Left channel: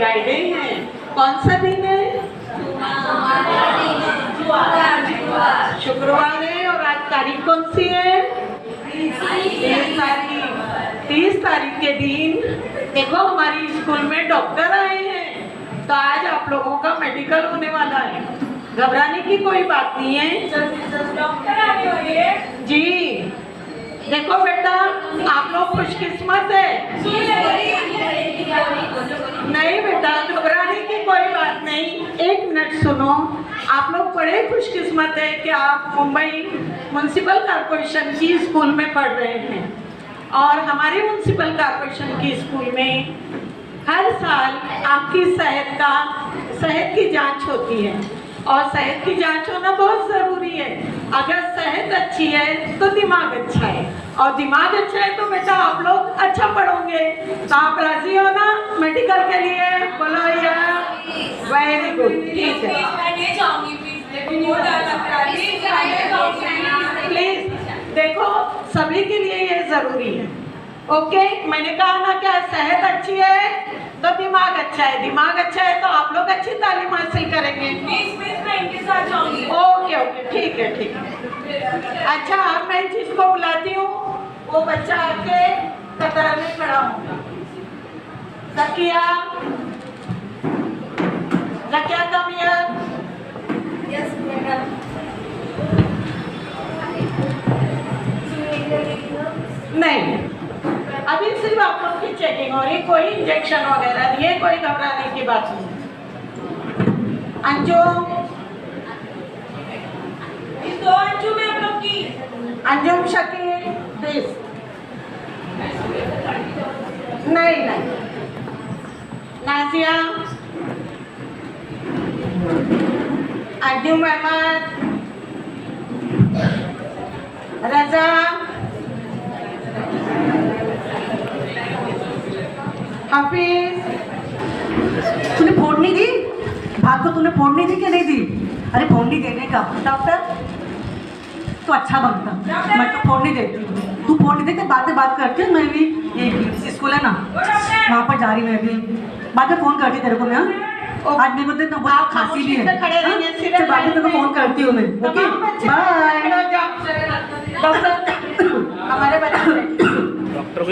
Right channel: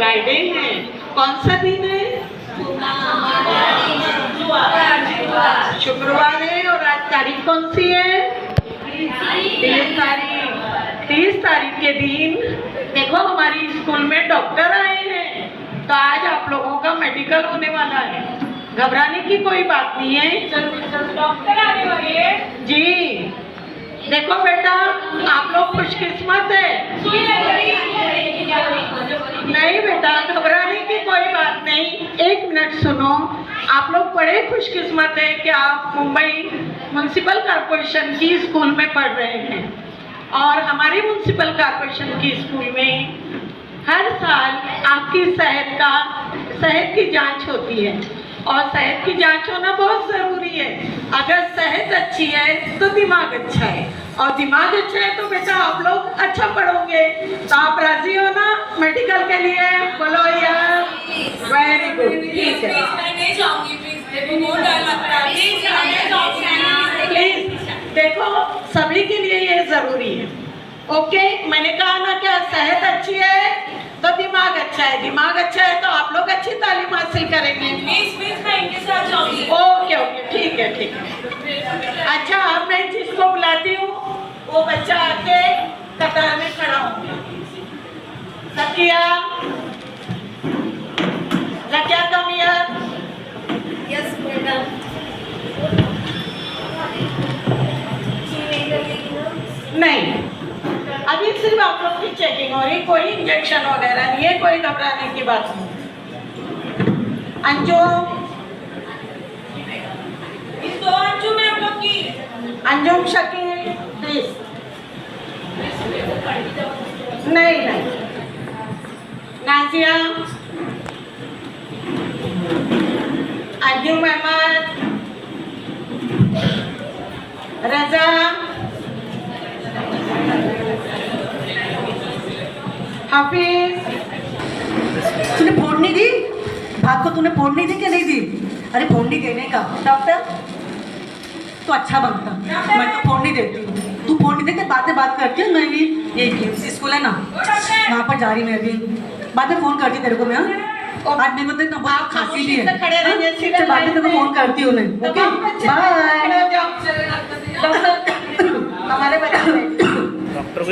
Friday है। कौन सा दिन है? शुक्रवार है। और आज तारीख कौन सी है? 30 तारीख। 30 तारीख के दिन देखो हमारी स्कूल में डॉक्टर आए हैं, तो आज आप लोगों का मेडिकल होने वाला है। घबराने की कोई बात नहीं है। डॉक्टर आने वाले हैं जी देखो बेटा, आप लोग खुशकिस्मत है। नहीं बेटा, घबराने की कोई बात नहीं। 1 मिनट सुनो। आप लोग बड़े खुशकिस्मत है कि आप मुंबई म्युनिसिपल कॉरपोरेशन की स्कूल में पढ़ रहे हैं। और हमारे म्युनिसिपल कॉरपोरेशन की स्कूल में हर साल आपकी सेहत की जांच होती है। और सेहत की जांच होना बहुत ज़रूरी है। अगर सेहत अच्छी है तो दिमाग अच्छा है, और दिमाग अच्छा है तो बेटा आप लोग अच्छा पढ़ोगे। तो आप राजी हो ना मेडिकल के लिए? बोलो यार, वेरी गुड। ठीक है, मैं नहीं जाऊंगी प्लीज, बहुत डर लगता है। प्लीज देखो, सभी के लिए ये ज़रूरी है। ओके, मैंने कहा ना क्या, सेहत अच्छी है तो दिमाग अच्छा है, दिमाग अच्छा है तो आप लोग अच्छी तालीम हासिल करेंगे। प्लीज मैं इनके साथ जाऊंगी। ओके ओके, ठीक है ठीक है। अच्छा, अब मैं जिसको बुलाती हूँ वो बच्चा आके कतार में खड़ा होगा। सकिया, लकिया कम हियर। Yes madam. नहीं, अभी सिर्फ आप लोग की चेकिंग हो रही, कोई इंजेक्शन वगैरह नहीं है, कोई घबराने की बात नहीं। अंजुम, इस दो अंजू में आप लोग की अंजुम शकील प्लीज। नहीं नहीं, नाजिया, अंजुम अहमद, रजा, हाफिज। तूने फोड़नी दी? बात को तूने फोड़नी दी कि नहीं दी? अरे फोड़नी देने का डॉक्टर तो अच्छा बनता। मैं तो फोड़नी देती हूँ, तू फोड़नी दे के बात करके मैं भी ये PMC स्कूल है ना, वहाँ पर जा रही मैं भी। बाद में फोन करती तेरे को मैं। आज मेरे को तो आप खांसी भी है। खड़े रहिए, सीधे चल बाद में तेरे को फोन करती हूँ मैं। Okay bye. डॉक्टर, हमारे बच्चे डॉक्टर को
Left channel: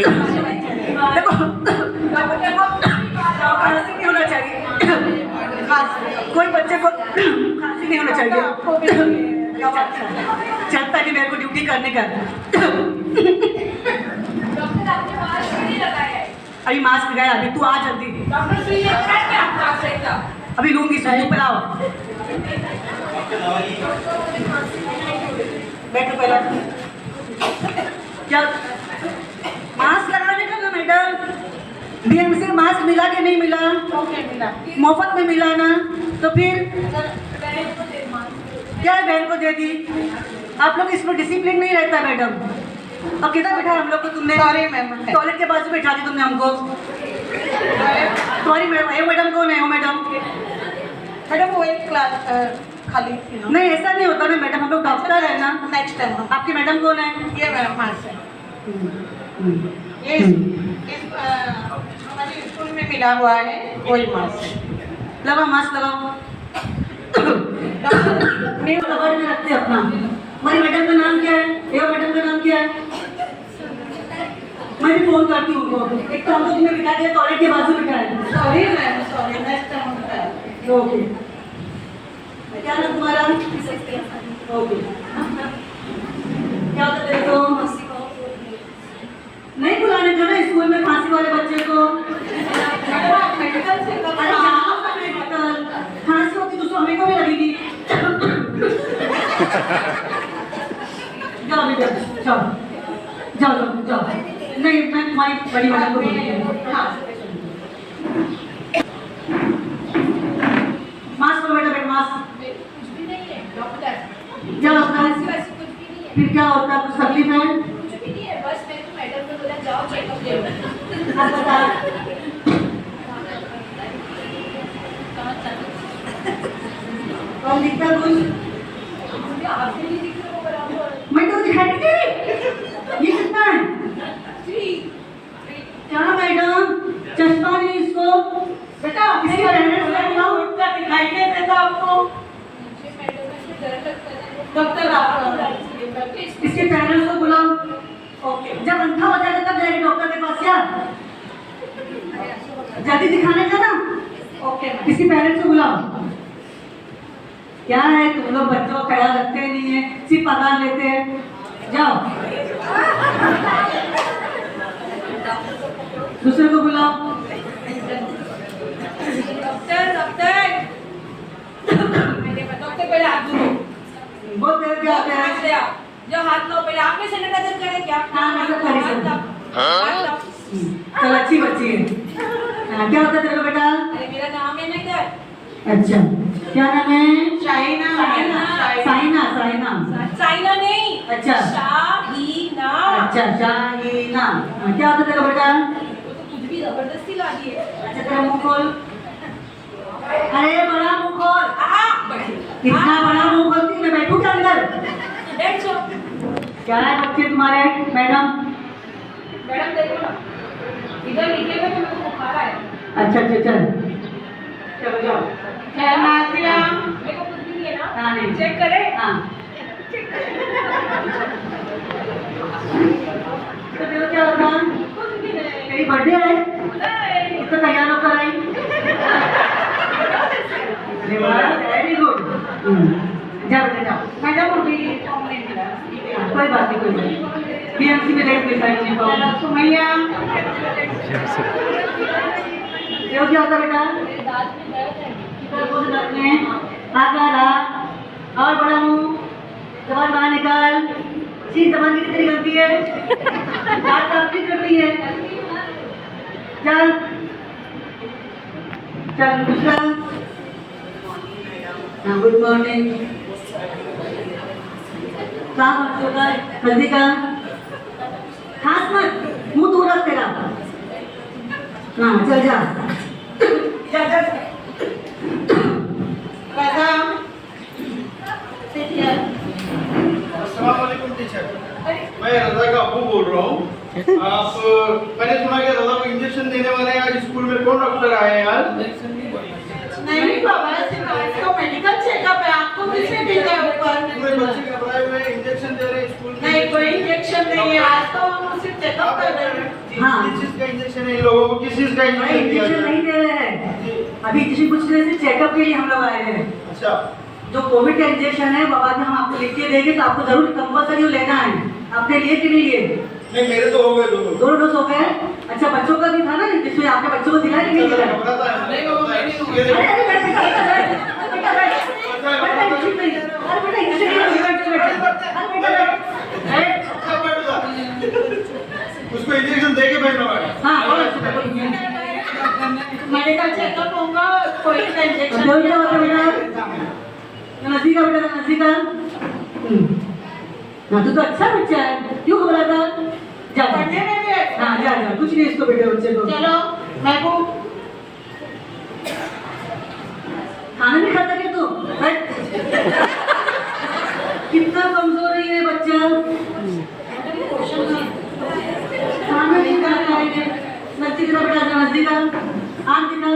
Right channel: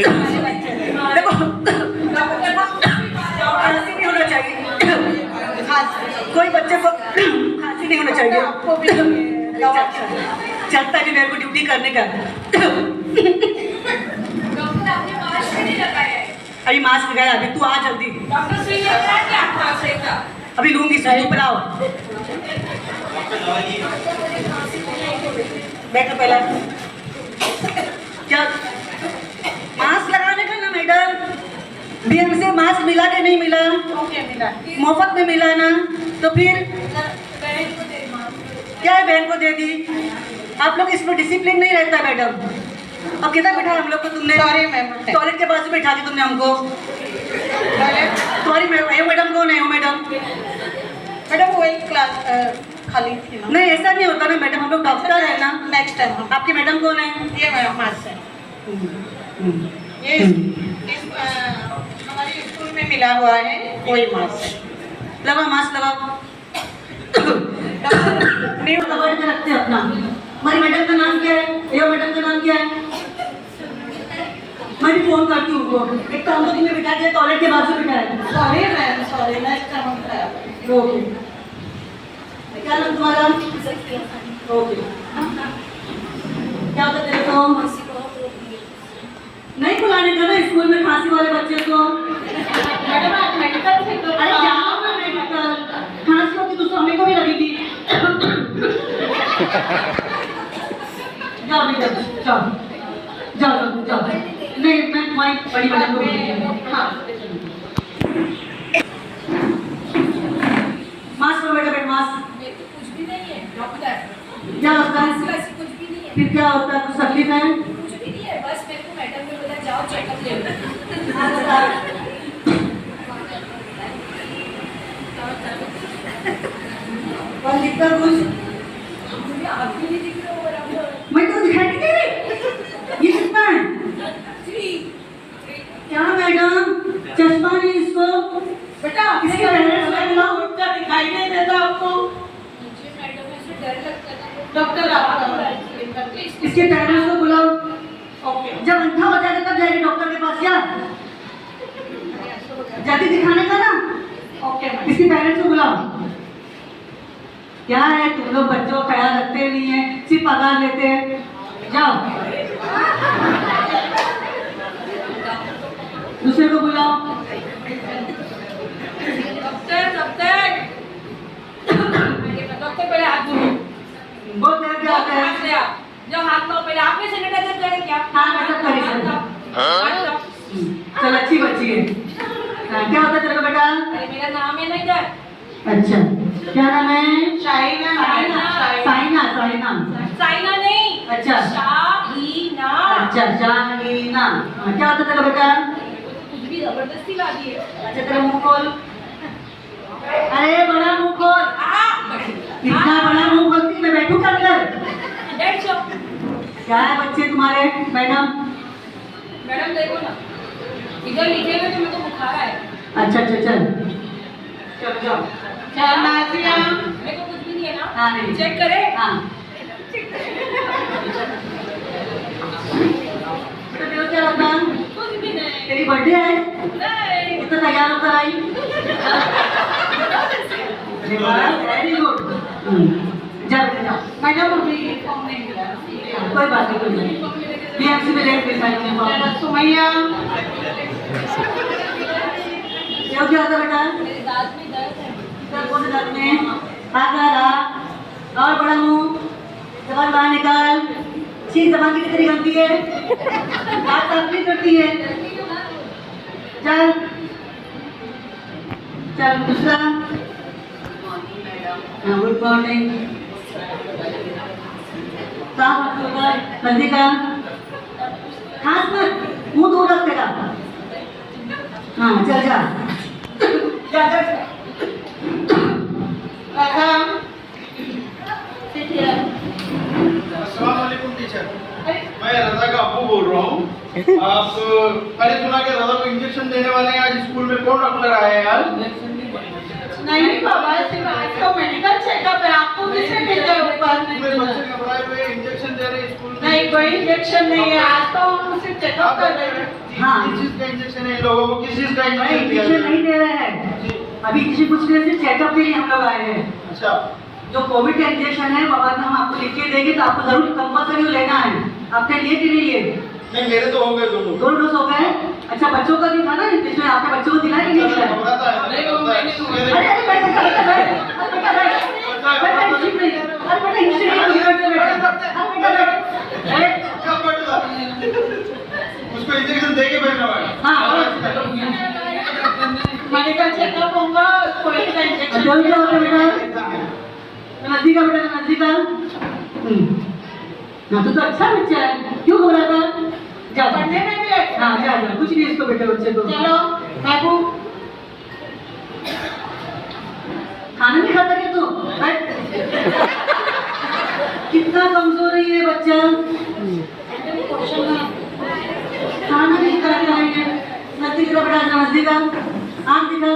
देखो खांसी नहीं होना चाहिए, कोई बच्चे को खांसी नहीं होना चाहिए। आपको भी चलता नहीं मेरे को ड्यूटी करने का। डॉक्टर आपने मास्क भी नहीं लगाया है। अभी मास्क गया, अभी तू आ जल्दी। डॉक्टर सुई लेकर आए क्या मास्क सही का? अभी लूंगी सुई, तू पिलाओ। बैठो पहले। क्या मास्क लगाने का ना मैडम? BMC से मास्क मिला कि नहीं मिला? ओके मिला। मुफ्त में मिला ना, तो फिर बहन को दे मास्क। क्या बहन को दे दी? आप लोग इसमें डिसिप्लिन नहीं रहता मैडम। अब कितना बैठा हम लोग को तुमने? Sorry ma'am. टॉयलेट के पास में बैठा दी तुमने हमको। तुम्हारी मैडम कौन है? वो मैडम मैडम वो एक क्लास खाली थी ना। नहीं, ऐसा नहीं होता ना मैडम, हम लोग डॉक्टर है ना। नेक्स्ट टाइम हम आपकी मैडम कौन है? ये मैडम हाथ से ये हमारी स्कूल में मिला हुआ है, वही मास्क है। लगाओ मास्क लगाओ। न्यू कवर में रखते हैं अपना। हमारी मैडम का नाम क्या है? ये मैडम का नाम क्या है? मैं भी फोन करती हूँ उनको। एक तो हम लोग तुम्हें बिठा दिया, टॉयलेट के बाजू बिठाया। Sorry ma'am, sorry. Next time हम ट्राई। ओके, क्या नाम तुम्हारा? ओके, क्या होता तेरे को? नहीं बुलाने का ना स्कूल में खांसी वाले बच्चे को। मैडम आप मेडिकल से तो अरे जाओ ना मेडिकल, खांसी होती तो हमें को भी लगेगी। जाओ बेटा, जाओ जाओ जाओ। नहीं, मैं तुम्हारी बड़ी मैडम को बोलूंगी। हाँ मास्क लो बेटा, मास्क। कुछ भी नहीं है डॉक्टर। क्या होता है? वैसे कुछ भी नहीं है। फिर क्या होता है? कुछ तकलीफ है? कुछ भी नहीं है, बस मेरे को मैडम ने बोला जाओ चेकअप ले लो। कौन दिखता है कुछ? मुझे आप भी नहीं दिख रहे हो बराबर। मैं तो दिखाई नहीं दे रही। ये कितना है? 3 क्या मैडम, चश्मा नहीं इसको? बेटा अपने पेरेंट्स का नाम उठता दिखाई नहीं देता आपको? मुझे मैडम ऐसे डर लगता है। डॉक्टर आप इसके पेरेंट्स को बुलाओ। ओके जब अंधा हो जाएगा तब जाएगी डॉक्टर के पास। क्या जल्दी दिखाने का ना। ओके इसके पेरेंट्स को बुलाओ। क्या है तुम लोग बच्चों का ख्याल रखते नहीं है, सिर्फ पगार लेते हैं। जाओ दूसरे को बुलाओ। डॉक्टर डॉक्टर डॉक्टर पहले हाथ धो। बहुत देर के आते हैं। से आप जो हाथ धो पहले आपने सैनिटाइजर करें क्या? हाँ, मैं सब करी सर। हाथ धो। चल अच्छी बच्ची है। हाँ, क्या होता है तेरे को बेटा? अरे मेरा नाम है ना इधर। अच्छा क्या नाम है? शाइना साइना। साइना साइना नहीं। अच्छा। शाहीना। अच्छा शाहीना। हाँ, क्या होता है तेरा बेटा? कुछ भी जबरदस्ती ला दी है। अच्छा तेरा मुंह खोल। अरे बड़ा मुंह खोल। इतना बड़ा मुंह खोलती मैं बैठूं क्या अंदर? बैठ जाओ। क्या है बच्चे तुम्हारे? मैडम मैडम देखो ना इधर लिखे हुए तो मेरे को बुखार आया। अच्छा अच्छा चल चलो जाओ। क्या नाजिया? मेरे को कुछ भी नहीं है ना। हाँ नहीं। चेक करें। हाँ तो तेरे को क्या होगा? कुछ भी नहीं। तेरी बर्थडे है? नहीं। इतना तैयार होकर आई। Very good. जाओ बेटा जाओ। मैडम अभी फॉर्म नहीं मिला। कोई बात नहीं कोई नहीं। बीएमसी में लेट भी साइन नहीं मेरा सुमैया क्यों क्या होता बेटा? मेरे दांत में दर्द है। इधर कौन से दांत में? हाथ रहा और बड़ा मुंह जबान बाहर निकाल। शीश जबान की कितनी बनती है? दांत साफ नहीं करती है। चल चल दूसरा। Good morning. कहाँ बात होगा? जल्दी का खास मत मुंह दूर रख तेरा। हाँ चल जा जा जा। राधा अस्सलामुअलैकुम टीचर, मैं रजा का अब्बू बोल रहा हूँ। आप मैंने सुना कि रजा को इंजेक्शन देने वाले हैं। आज स्कूल में कौन डॉक्टर आए हैं आज? नहीं बाबा सिर्फ आज का मेडिकल चेकअप है। आपको किसने भेजा है पूरे ऊपर? बच्चे घबराए हुए इंजेक्शन दे रहे हैं स्कूल में। नहीं कोई इंजेक्शन नहीं है। आज तो हम सिर्फ चेकअप कर रहे हैं। हाँ। किस चीज का इंजेक्शन है इन लोगों को? किस चीज का अरे इंजेक्शन दिया इंजेक्शन जाए? नहीं दे रहे हैं। अभी किसी पूछ रहे थे चेकअप के लिए हम लोग आए हैं। अच्छा, जो कोविड का इंजेक्शन है वो बाद में हम आपको लिख के देंगे तो आपको जरूर कंपल्सरी लेना है। आपके लिए कि नहीं लिए? नहीं मेरे तो हो गए दोनों। दोनों डोज हो गए। अच्छा बच्चों का भी था ना जिसमें आपके बच्चों को दिलाया कि नहीं दिलाया? घबराता है। नहीं, वो मैंने तो अरे अरे बैठ बेटा बैठ ठीक नहीं। अरे बेटा इंजेक्शन नहीं बेटा अरे कब बैठूंगा? उसको इंजेक्शन दे के भेजना पड़ेगा। हाँ मेडिकल चेकअप होगा कोई का इंजेक्शन जल्दी क्या होता है बेटा? नजदीक का बेटा नजदीक का। ना तू तो अच्छा बच्चा है, क्यों घबराता? जा पढ़ने में भी अच्छा हाँ जा जा कुछ नहीं इसको बेटे बच्चे को। चलो महबूब खाना नहीं खाता क्या तू? बैठ। कितना कमजोर है ये बच्चा। खाना नहीं खाता है ये। नजदीक का बेटा नजदीक का। आँख दिखा।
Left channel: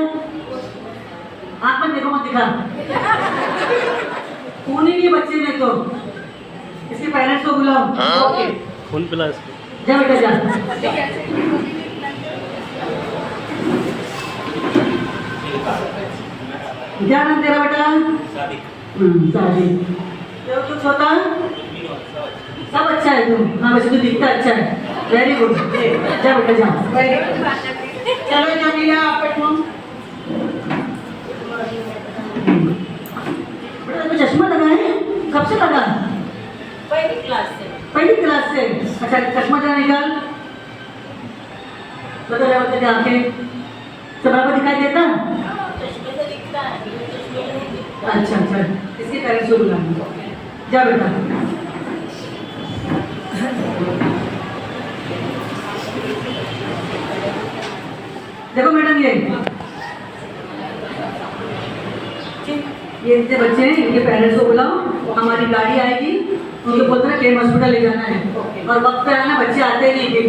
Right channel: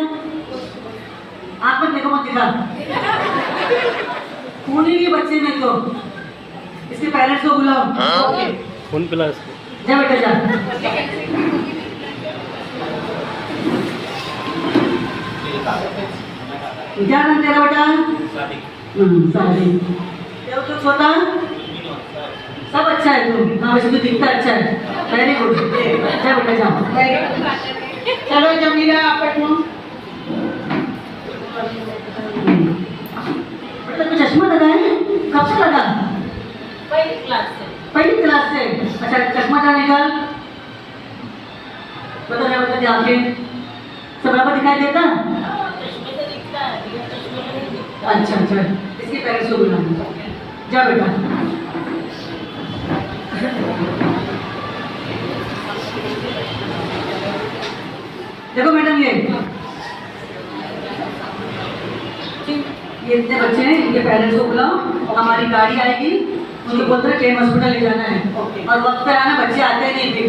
आँख में देखो मत दिखा। खून ही नहीं बच्चे में तो। इसके पेरेंट्स को बुलाओ। फोन पिला इसको। जा बेटा जा। क्या नाम तेरा बेटा? शादी। तो छोटा सब अच्छा है तू। हाँ वैसे तो दिखता अच्छा है। Very good. जा बेटा जा। चलो जमीला आप बैठो। बेटा तो चश्मा लगा है? कब से लगा? पहली क्लास से। पहली क्लास से। अच्छा चश्मा जा निकाल। बता जा बता आंखें सब बराबर दिखाई देता? चश्मे से दिखता है, बिना चश्मे से नहीं दिखता। अच्छा अच्छा इसके पेरेंट्स को बुला। जा बेटा। देखो मैडम ये इतने बच्चे हैं इनके पेरेंट्स को बुलाओ। हमारी गाड़ी आएगी उनको बोलते हैं केम हॉस्पिटल ले जाना है और वक्त पे आना। बच्चे आते नहीं फिर।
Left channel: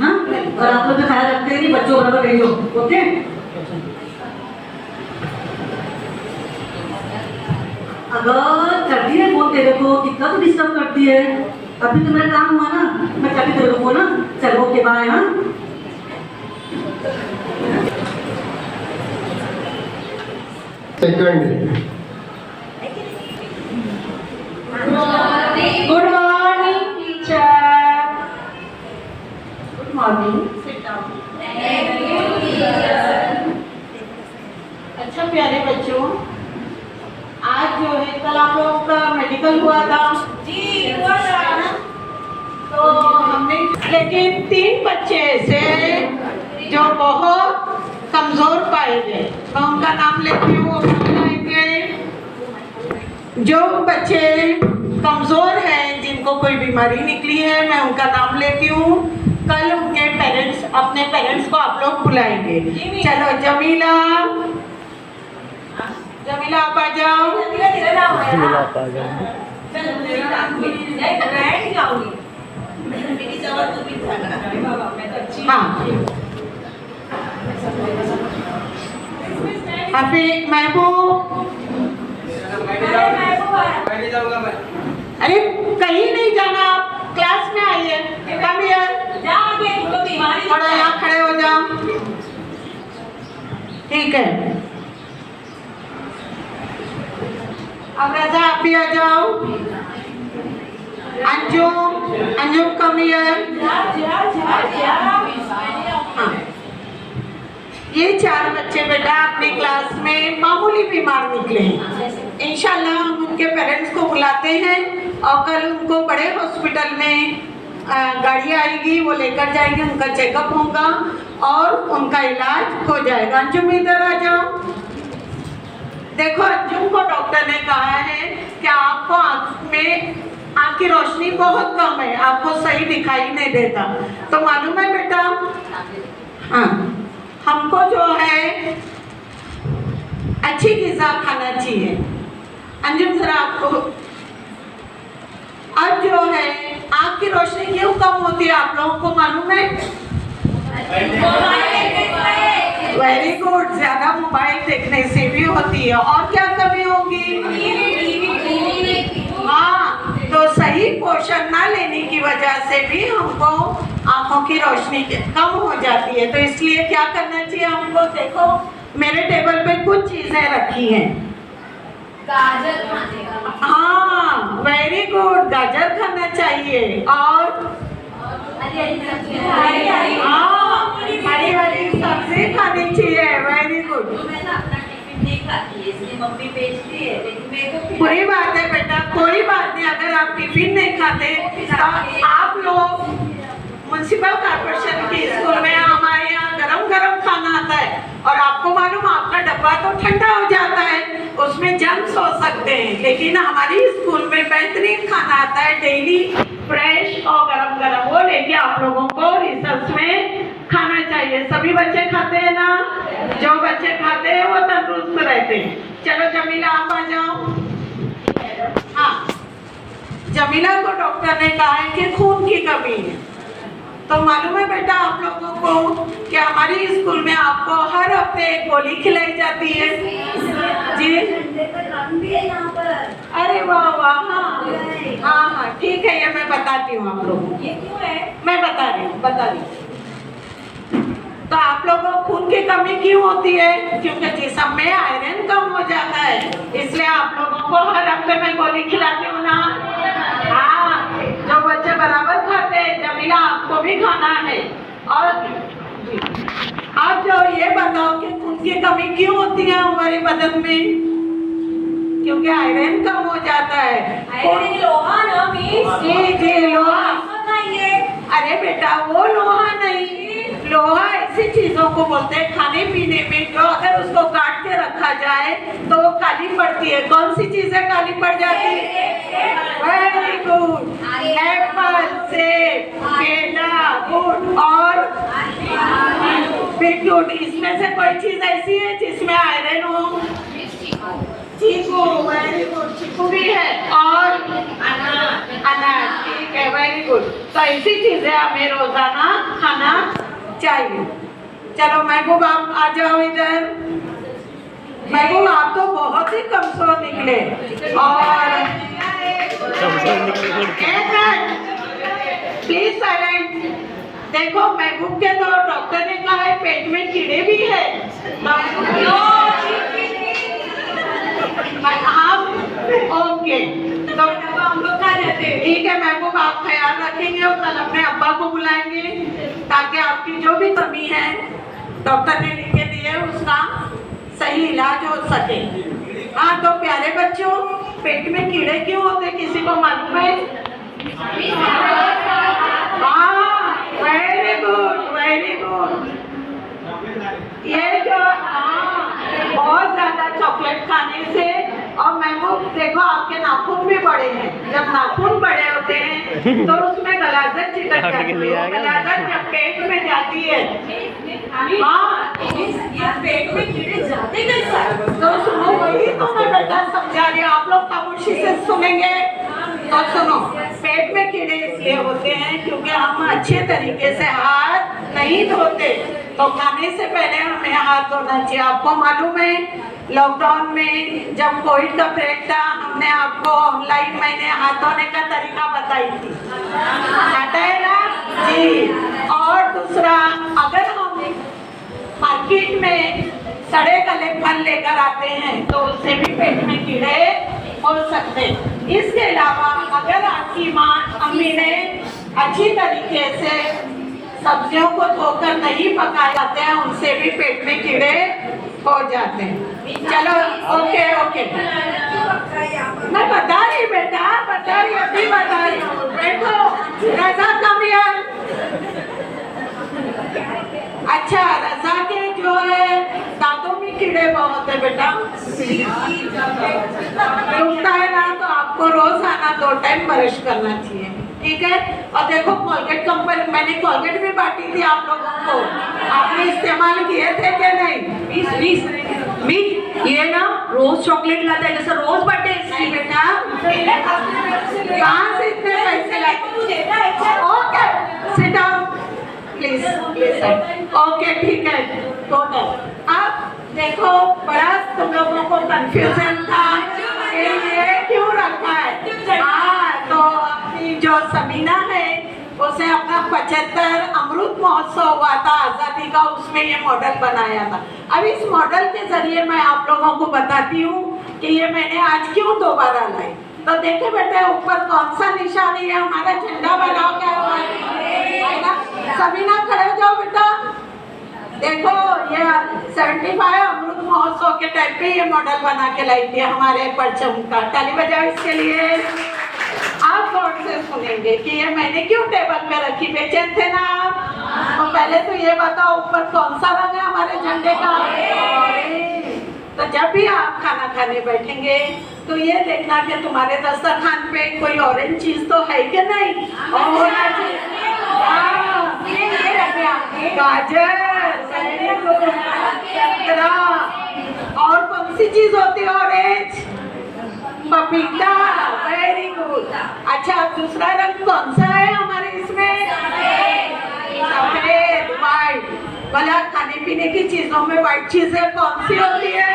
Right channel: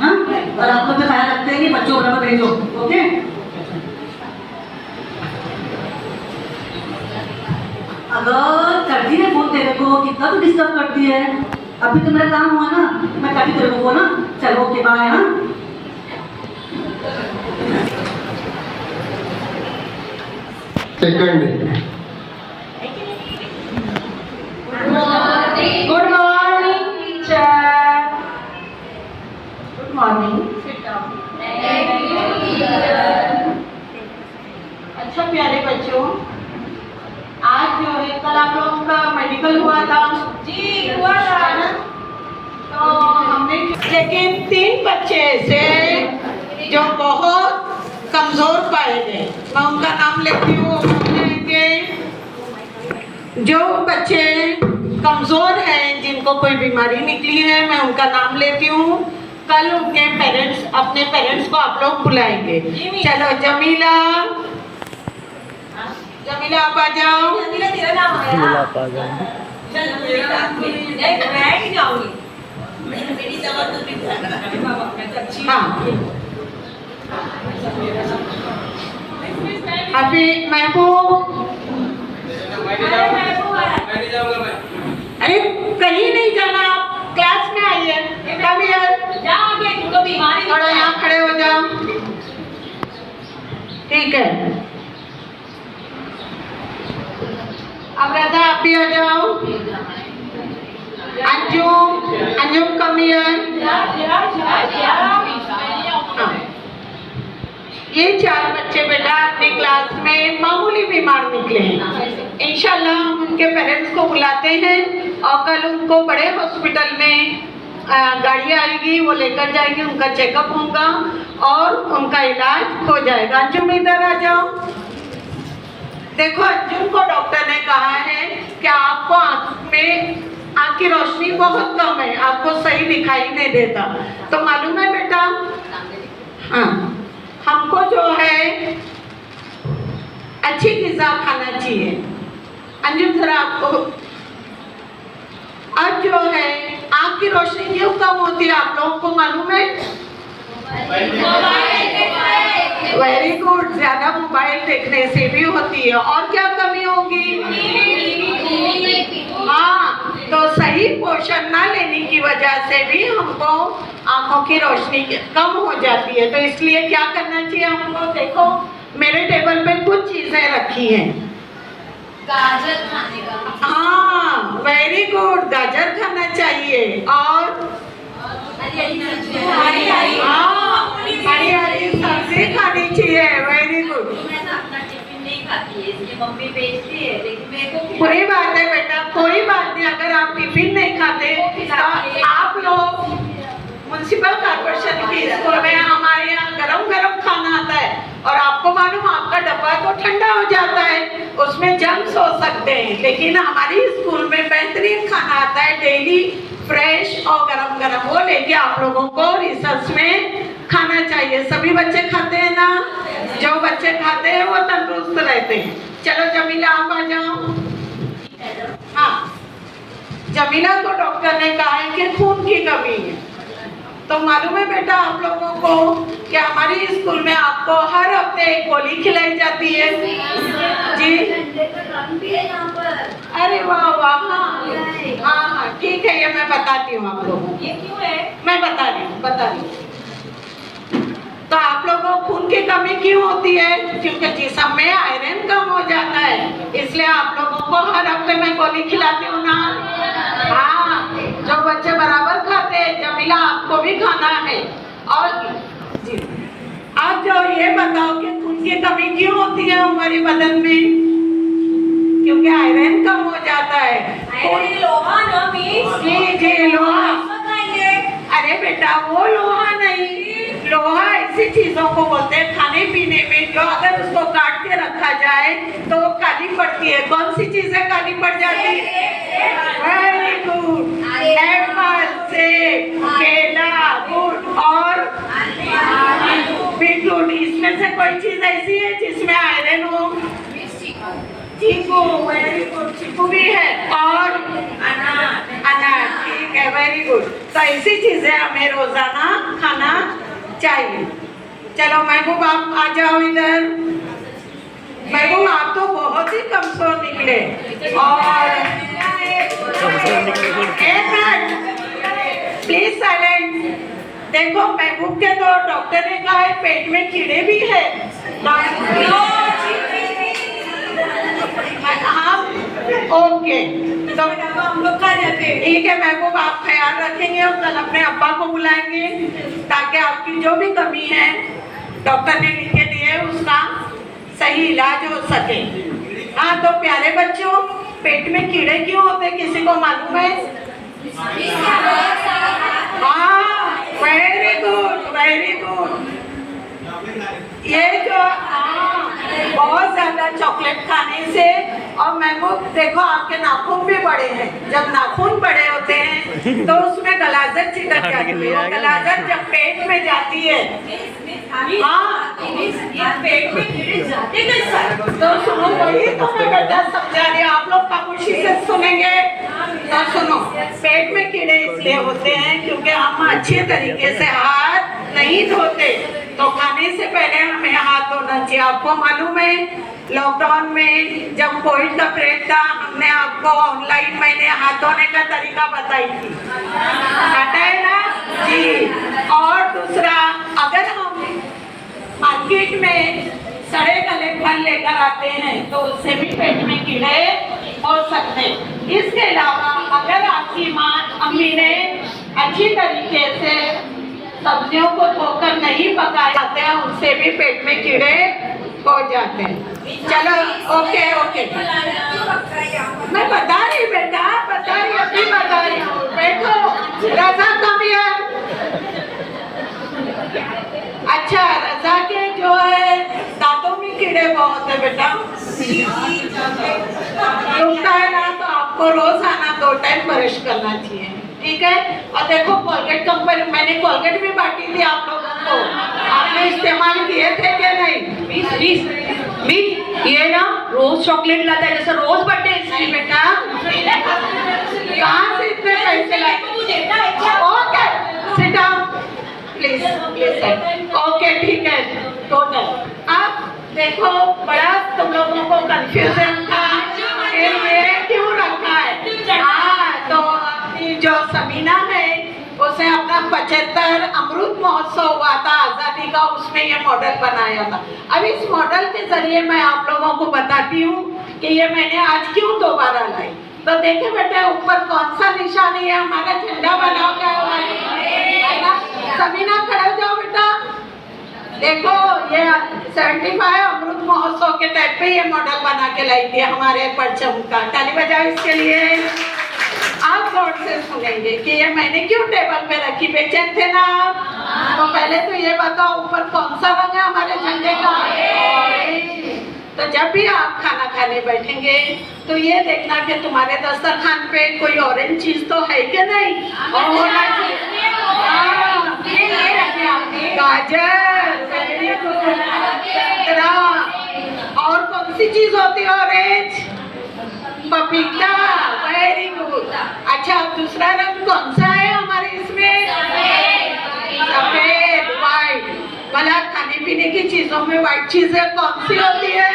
हाँ और आप लोग का ख्याल रखते हैं कि बच्चों को बराबर भेजो। ओके को कितना तो डिस्टर्ब करती है। अभी तो मेरा काम हुआ ना, मैं कभी तेरे को ना। चलो ओके बाय। हाँ second good morning teacher. Good morning, sit down. अच्छा प्यारे बच्चों, आज जो है कल आप लोगों का मेडिकल हुआ था। जी हुआ था ना। तो हमने लेकिन 3 बच्चे ऐसे जो बहुत कमजोर पाए गए, मैं उनका नाम लेती हूँ। वो कौन हैं? जो बच्चे कमजोर हैं, जिनको कोई बीमारी निकली है, मैं उनका नाम लेती हूँ। कल उनके पेरेंट्स, अपने पेरेंट्स को आप लोग बुलाएंगे। चलो जमीला, जमीला आप आ जाओ। जमीला तेरा नाम आया ना? चल मैं ही जाऊंगी। मेरी जगह तू भी अरे बाबा मैं तो अच्छी अभी महबूब, मैं नहीं जाऊंगा मैं। अरे कहीं नहीं जाना, आप क्लास में आइए। जा आगे, तुमको बीमारी थोड़ा यहाँ खड़े हो जाओ, ठीक है। अब राजा आप भी आ जाओ। Anjum, Anjum come here. ये 4 बच्चे बेटा अपनी क्लास में मामूली बीमार निकले हैं। इंशाल्लाह हम उनके पेरेंट्स को बुलाते हैं और कल उनको बड़े हॉस्पिटल में गाड़ी आएगी, वो लेकर जाएंगे, उनका चेकअप होगा और उनका इलाज हो जाएगा। अंजुम इधर आ जाओ। देखो अंजुम को डॉक्टर ने कहा है कि आपको आँख की रोशनी बहुत कम है, आपको सही दिखाई नहीं देता। तो मालूम है बेटा, हाँ, हमको जो है अच्छी ग़िज़ा खाना चाहिए। अंजुम जरा आपको, अब जो है आँख की रोशनी क्यों कम होती है आप लोगों को मालूम है? वेरी गुड, ज्यादा मोबाइल देखने से भी होती है। और क्या कमी होगी? हाँ, तो सही पोषण ना लेने की वजह से भी हमको आंखों की रोशनी कम हो जाती है। तो इसलिए क्या करना चाहिए हमको? देखो मेरे टेबल पे कुछ चीजें रखी हैं। गाजर खाने का। हाँ वेरी गुड, गाजर खाना चाहिए और हरी हरी सब्जी खानी चाहिए। वेरी गुड, मैं तो अपना टिफिन नहीं खाती है, इसलिए मम्मी भेजती है, लेकिन मेरे को बुरी बात है बेटा, कोई बात नहीं। अगर आप टिफिन नहीं खाते तो आप लोग म्युनिसिपल कॉर्पोरेशन की स्कूल में हमारे यहाँ गरम गरम खाना आता है और आपको मालूम आपका डब्बा तो ठंडा हो जाता है, उसमें जर्म्स हो सकते हैं। लेकिन हमारी स्कूल में बेहतरीन खाना आता है, डेली फ्रेश और गरम गरम। वो लेके आप लोगों को रिसर्च में खाना चाहिए। सभी बच्चे खाते हैं ना? जो बच्चे खाते हैं वो तंदुरुस्त रहते हैं। चलो जमीला आप आ जाओ। हाँ, जमीला को डॉक्टर ने कहा है कि खून की कमी है। तो मालूम है बेटा आप लोगों को कि हमारी स्कूल में आपको हर हफ्ते एक गोली खिलाई जाती है जी। अरे वाह वाह, हाँ हाँ ठीक है, ये मैं बताती हूँ आप लोगों को। ये क्यों है? मैं बता रही हूँ। तो आप लोगों को खून की कमी क्यों होती है? क्योंकि जिस्म में आयरन कम हो जाता है, इसलिए आप लोगों को हर हफ्ते में गोली खिलाती हूँ ना। हाँ, जो बच्चे बराबर खाते हैं, जमीला आपको भी खाना है। और जी, आप जो ये बताओ कि खून की कमी क्यों होती है हमारे बदन में? क्योंकि आयरन कम हो जाता है। आयरन लोहा ना मिस? जी लोहा। खाएंगे? अरे बेटा वो लोहा नहीं, लोहा ऐसी चीजों को बोलते हैं खाने पीने में जो अगर उसको काट के रखा जाए तो वो काली पड़ती है। कौन सी चीजें काली पड़ जाती है? वेरी गुड, एप्पल, सेब, केला, गुड़ और बीटरूट। इसमें से कोई चीज ऐसी है जिसमें आयरन हो? चीकू, वेरी गुड, चीकू भी है। और अनार, ठीक है, वेरी गुड। तो ऐसी चीजें हमें रोजाना खाना चाहिए। चलो महबूब आप आ जाओ इधर। महबूब आप तो बहुत ही कमजोर निकले और प्लीज साइलेंट। देखो महबूब के तो डॉक्टर ने कहा है पेट में कीड़े भी है। हाँ ओके, तो हम लोग क्या रहते हैं, ठीक है महबूब, आप ख्याल रखेंगे और कल अपने अब्बा को बुलाएंगे ताकि आपकी जो भी कमी है डॉक्टर ने लिख के दिए उसका सही इलाज हो सके। हाँ तो प्यारे बच्चों, पेट में कीड़े क्यों होते किसी को मालूम है? हाँ वेरी गुड वेरी गुड। ये जो बहुत ज्यादा चॉकलेट खाने से, और महबूब देखो आपके नाखून भी बड़े हैं, जब नाखून बड़े होते हैं तो उसमें गलाजत चिटक जाती है, गलाजत जब पेट में जाती है, हाँ पेट में कीड़े जाते कैसे? तो सुनो, वही तो मैं बेटा समझा रही हूँ, आप लोग खामोशी से सुनेंगे तो सुनो। पेट में कीड़े इसलिए होते हैं क्योंकि हम अच्छे तरीके से हाथ नहीं धोते, तो खाने से पहले हमें हाथ धोना चाहिए। आपको मालूम है लॉकडाउन में जब कोविड का ब्रेक था, हमने आपको ऑनलाइन मैंने हाथ धोने का तरीका बताई थी, पता है ना जी। और दूसरा, अगर हम मार्केट में सड़े गले फल लेकर आते हैं तो उससे भी पेट में कीड़े हो सकते हैं। इसके अलावा अगर आपकी माँ अम्मी ने अच्छी तरीके से सब्जियों को धोकर नहीं पकाए जाते हैं, उनसे भी पेट में कीड़े हो जाते हैं। चलो ओके ओके, मैं बता रही बेटा, बता रही अभी बता रही हूँ। देखो रजा कम है, अच्छा रजा के जो है दांतों में कीड़े बहुत है बेटा, दुखता है ना तो आपको रोजाना 2 टाइम ब्रश करना चाहिए, ठीक है। और देखो कोलगेट कंपनी, मैंने कोलगेट भी बांटी थी आप लोगों को, आपने इस्तेमाल किए थे क्या नहीं? मिस ये ना रोज चॉकलेट लाता है, जैसे रोज बर्थडे इसकी बेटा कहाँ से इतने पैसे लाए? Okay sit down please please, okay ठीक है टोटल। अब देखो बड़ा तुम लोगों को कंफ्यूजन था कि ये क्यों रखा है। हाँ तो अपनी जो समीना है उसे अपना 75 अमृत महोत्सव हुआ था आज़ादी का, उसमें ये मॉडल बनाया था। अब इस मॉडल के जरिए मैं आप लोगों को बताती हूँ कि ये मैंने आज क्यों दोबारा लाई। तो देखे बेटे ऊपर कौन सा निशानी है, हमारा झंडा बना क्या हुआ है ना। समीना खड़े हो जाओ बेटा, देखो ये 75 अमृत महोत्सव के टाइप पे ये मॉडल बना के लाई थी हमारे परचम का, ताली बजाओ इसके लिए। आप गौर से सुनेंगे कि ये मैंने क्यों टेबल पे रखी, बेचैन थे ना आप? तो पहले तो ये बताओ ऊपर कौन सा रंग है हमारे झंडे का? तो जब भी आप खाना खाने बैठेंगे तो ये देखना कि तुम्हारे दस्तरखान पे कोई ऑरेंज चीज तो है कि नहीं, और होना चाहिए गाजर, संतरा, और कौन सी चीज होती है ऑरेंज? पपीता, वेरी गुड। अच्छा दूसरा रंग कौन सा है हमारे इसमें? सफेद, व्हाइट। भला खाने पीने की चीजों में व्हाइट चीजें कौन सी होती है?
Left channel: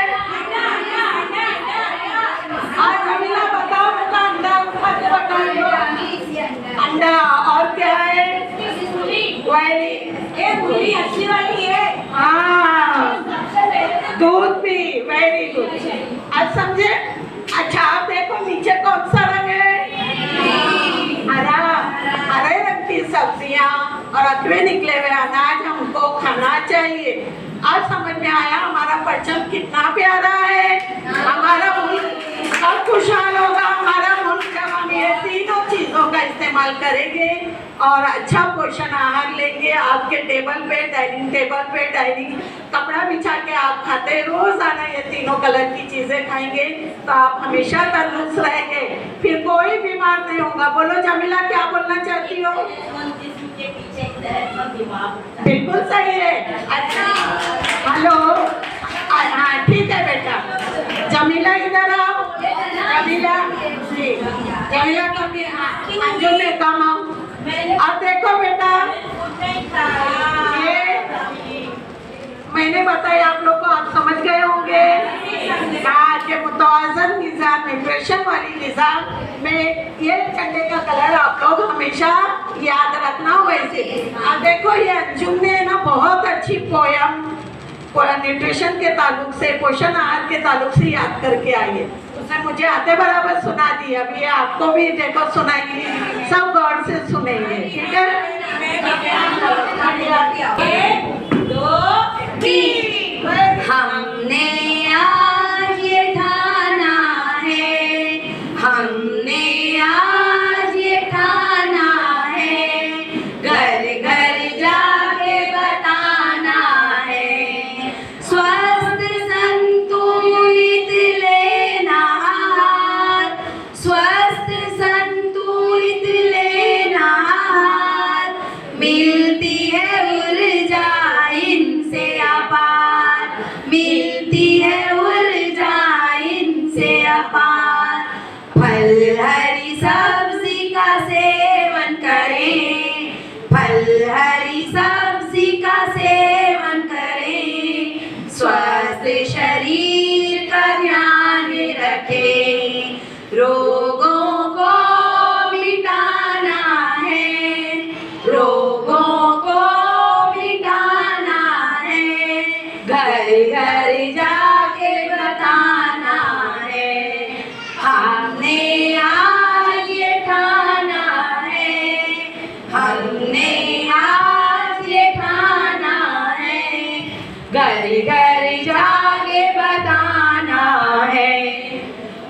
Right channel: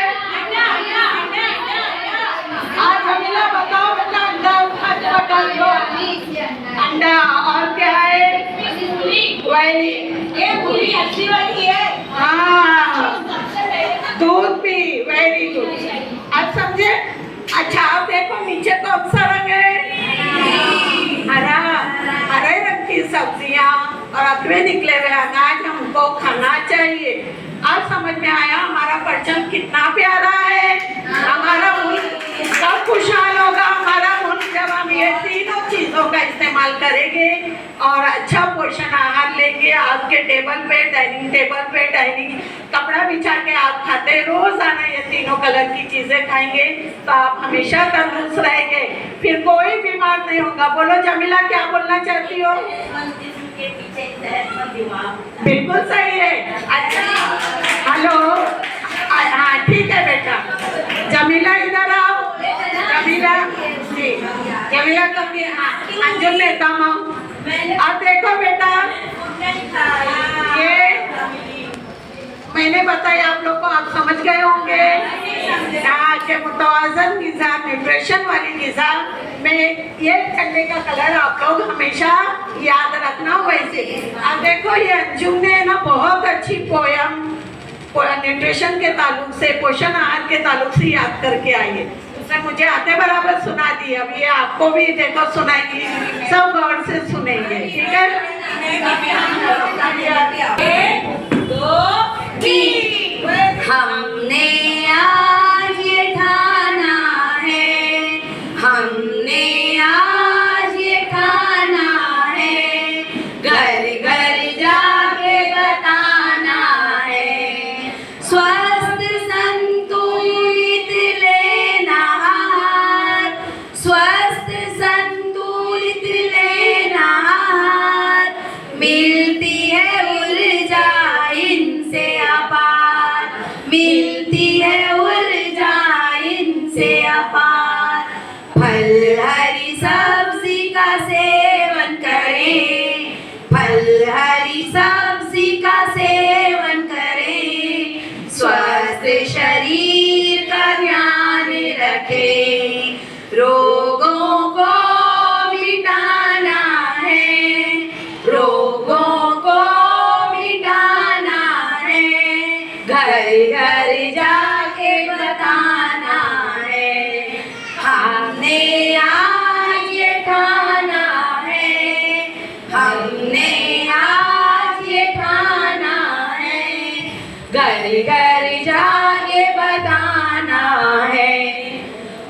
जमीला बताओ बेटा, अंडा अंडा, और क्या है? वेरी अच्छी वाली है, हाँ दूध भी, वेरी गुड। अब समझे? अच्छा आप देखो नीचे कौन सा रंग है? हरा, हरे रंग की सब्जियां और अथवे निकले हुए अनाज हमको खाना चाहिए। आज समझ में आया हमारा परचम कितना प्यारा है। हमारा मुल्क सब खुशहाल होगा, हमारा मुल्क जब हम ये तीनों चीजों का इस्तेमाल करेंगे और अच्छा पोषण आहार लेंगे। आपके टेबल पे, डाइनिंग टेबल पे, डाइनिंग कपड़ा बिछा के आप खाते रोजाना ये तीनों कलर की चीजें खाएंगे तो आप हमेशा तंदुरुस्त रहेंगे, फिर कोई बीमार नहीं होगा। बोलो जमीला क्या बोलना चाहती हो? बिल्कुल सही है। अच्छा हेलो, हाँ ठीक है बेटा। जमीला इधर आओ, जमीला जी, जमीला कम, हाँ अंजुम ने कम आओ। अब देखो बेटा, ये मैंने बताया आप लोग को, आप समझ गए होंगे कि मुतवाज़न ग़िज़ा, न्यूट्रिशन वाली ग़िज़ा समझा। मैं ये झंडे का कलर आप लोग हमेशा याद रखना। वैसे अब देखो ये अंजुम ने ना बहुत अच्छी पोयम न्यूट्रिशन के ताल्लुक से, पोषण आहार के ताल्लुक से याद करके आई है। उसने मुझे आते बराबर सुना दी। अब ये आपको भी देखो सुनाएंगी, सब गौर से सुनेंगे, ठीक है? 1 2 3 हमने आज ये ठाना है, हमने आज ये ठाना है, घर घर जाके बताना है, स्वस्थ संतुलित लेना आहार, स्वस्थ संतुलित लेना आहार, मिलती है ऊर्जा इनसे अपार, मिलती है ऊर्जा इनसे अपार। फल हरी सब्जी का सेवन करें, फल हरी सब्जी का सेवन करें, स्वस्थ शरीर का ध्यान रखें, रोगों को मिटाना है, रोगों को मिटाना है, घर घर जाके बताना है, हमने आज ये ठाना है, हमने आज ये ठाना है, घर घर जाके बताना है।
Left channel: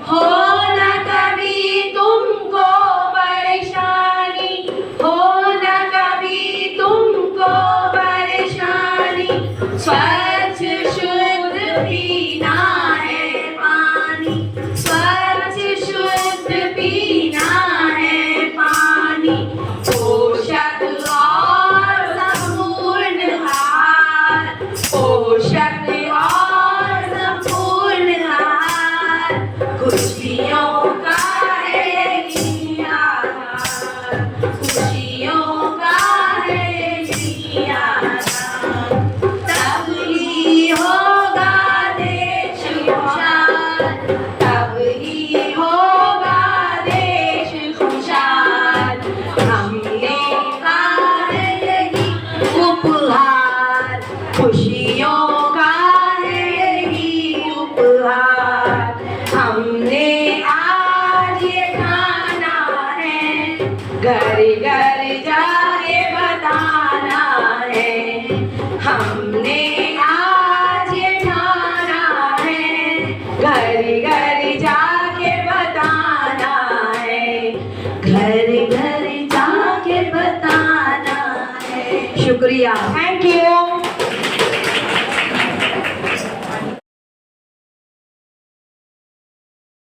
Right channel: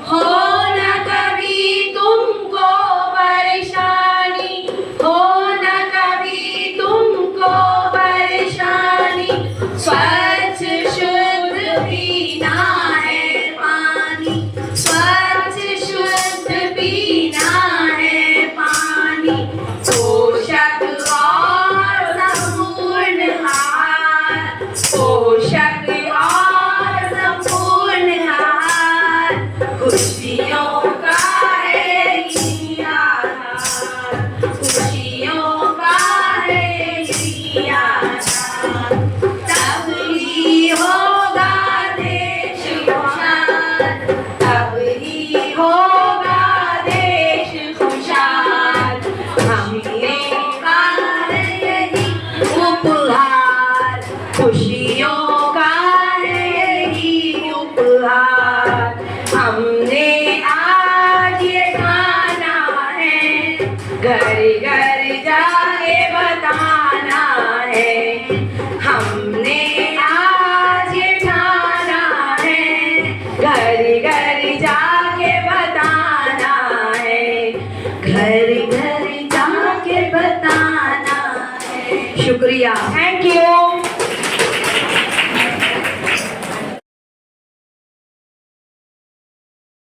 हो न कभी तुमको परेशानी, हो न कभी तुमको परेशानी, स्वच्छ शुद्ध पीना है पानी, स्वच्छ शुद्ध पीना है पानी, पोषक और संपूर्ण आहार, पोषक और संपूर्ण आहार, खुशियों का है ये आधार, खुशियों का है ये आधार, तब ही होगा देश खुशहाल, तब ही होगा देश खुशहाल, हमने का है यही उपहार, खुशियों का है यही उपहार, हमने आज ये खाना है, घर घर जाके बताना है, हमने आज ये ठाना है, घर घर जाके बताना है, घर घर जाके बताना है। शुक्रिया, थैंक यू।